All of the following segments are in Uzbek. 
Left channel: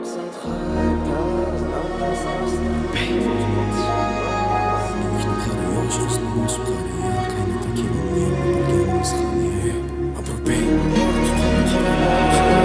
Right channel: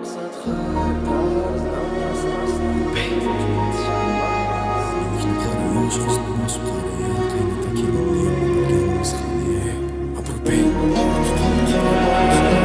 maqsad hayb tarz nas Yigitni qara, yosh qizni bosib qara, yer qaynata kelinni yo'q bilganimiz hali. Abrurbey orti qora bozor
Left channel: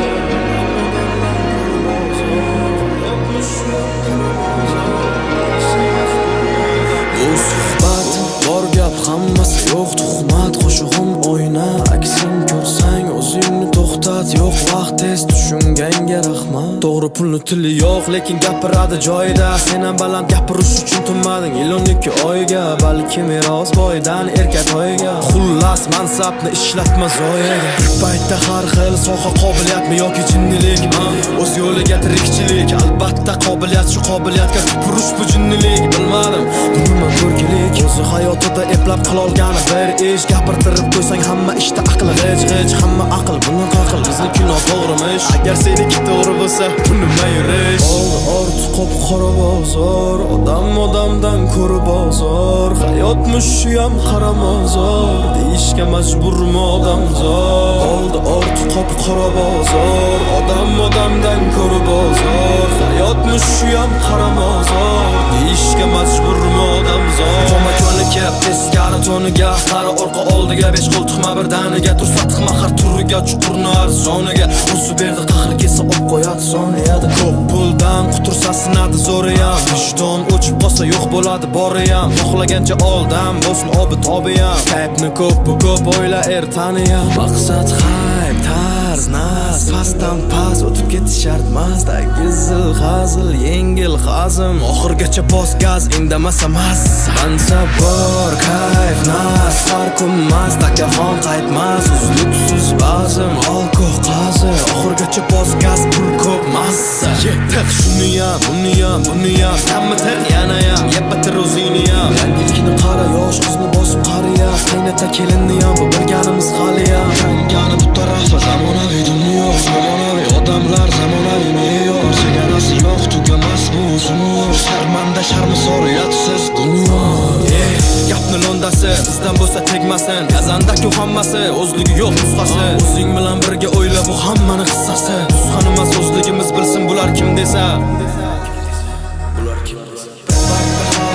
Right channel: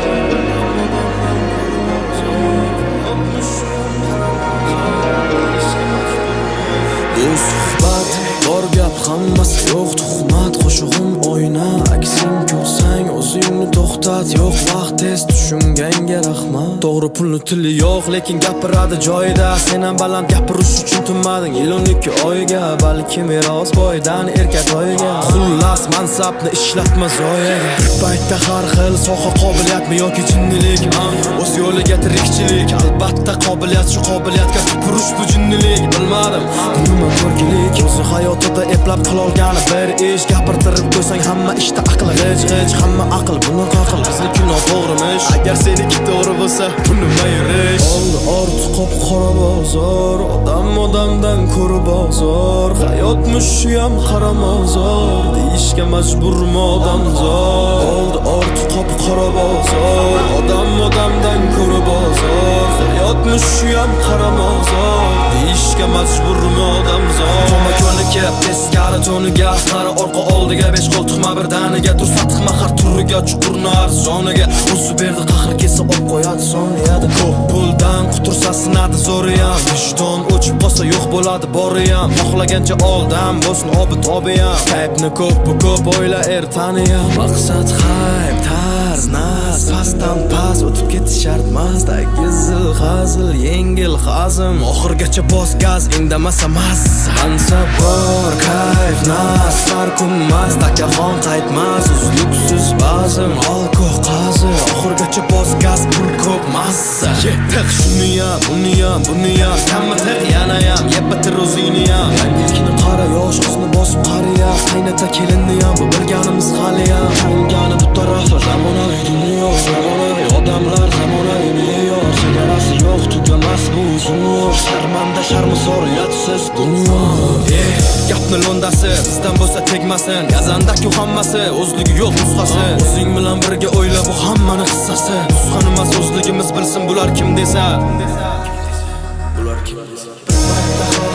odamdan ko'ra bozor hayotmish yop qara bozor ishga majburman bu suhbat bor gap hammasi yo'q tuhmat qo'shig'im oyna aksing ko'rsang o'zingni to'xtat yo'q vaqt tez tushunganga rahmat to'g'ri pulni tili yo'q lekin gapiradi joyida sen ham baland gapirish uchun tinmading 12 oyga balki meros boydan erkatoyga xullas mansabni ishlatma zoyaga bir paytda har xil soha qobiliyatmi yoki jinnilik o'z yo'liga tirikchilik albatta qobiliyat shu qobiliyatga tupurish bu jinnilik bilmadim bu nima ko'rgilik o'zi hayotida eplab qilolgani bir ish gapirtirib qo'ysang hamma ishda aqli g'ij hamma aql bunaqa aql bizniki noto'g'rimish agar seniki to'g'ri bo'lsa bu nima yurish oldi orti qop qora bozor odamdan ko'ra bozor hayotmish shuyam qara mozor deyishga majburmi odamzod oldi orti qop qora bozor odamdan ko'ra bozor hayotmish shuyam qara mozor deyishga majburmi odamzod Toma ko'niki teskari to'niga qara orqa oldiga 5 qo'l tuxma birdaniga tursa tiqma har turiga chuqurni arzoniga o'zi berdi qahr kelsa olib qo'yadi soniyada ko'p puldan qutursa sinadi zo'riyam vijdon o'chib qolsa yo'q bo'ladi boriyam xohlagancha oldan bo'lsin obi tobiyam qaybni ko'p o'yla ertaniyam maqsad hayb tarz nas pastdan past o'tib ketish shart emas tagizil hazil yengil hazm oxirgacha bos gaz indamasa massa mansab bor kayf nas farqummas takaxon qaytmas uzluksiz bazm alkoh qazi oxirgacha bos gaz pul ko'p massa yetiq shuniyam buniyam hamma tiq yanayam yeb bitir o'ziniyam yangilikni qara yosh qizni bosib qariya qaynata kelinniyam bu bilganimiz haliyam tangani bu tarafi zamonaviy dunyo zamonaviy odamlar zamonaviy me'yor chegarasi yo'q tugamas bu uzun yo'l sharmanda sharmisor uyatsiz dunyo gapni londasi bizdan bo'lsa tegmasin gazandaku hammasi o'zligi yo'q nusxasi o'zing bilan birga o'yla bu hammani qissasi nusxani emas o'zligimiz bilsin bular kim desa bir paytda har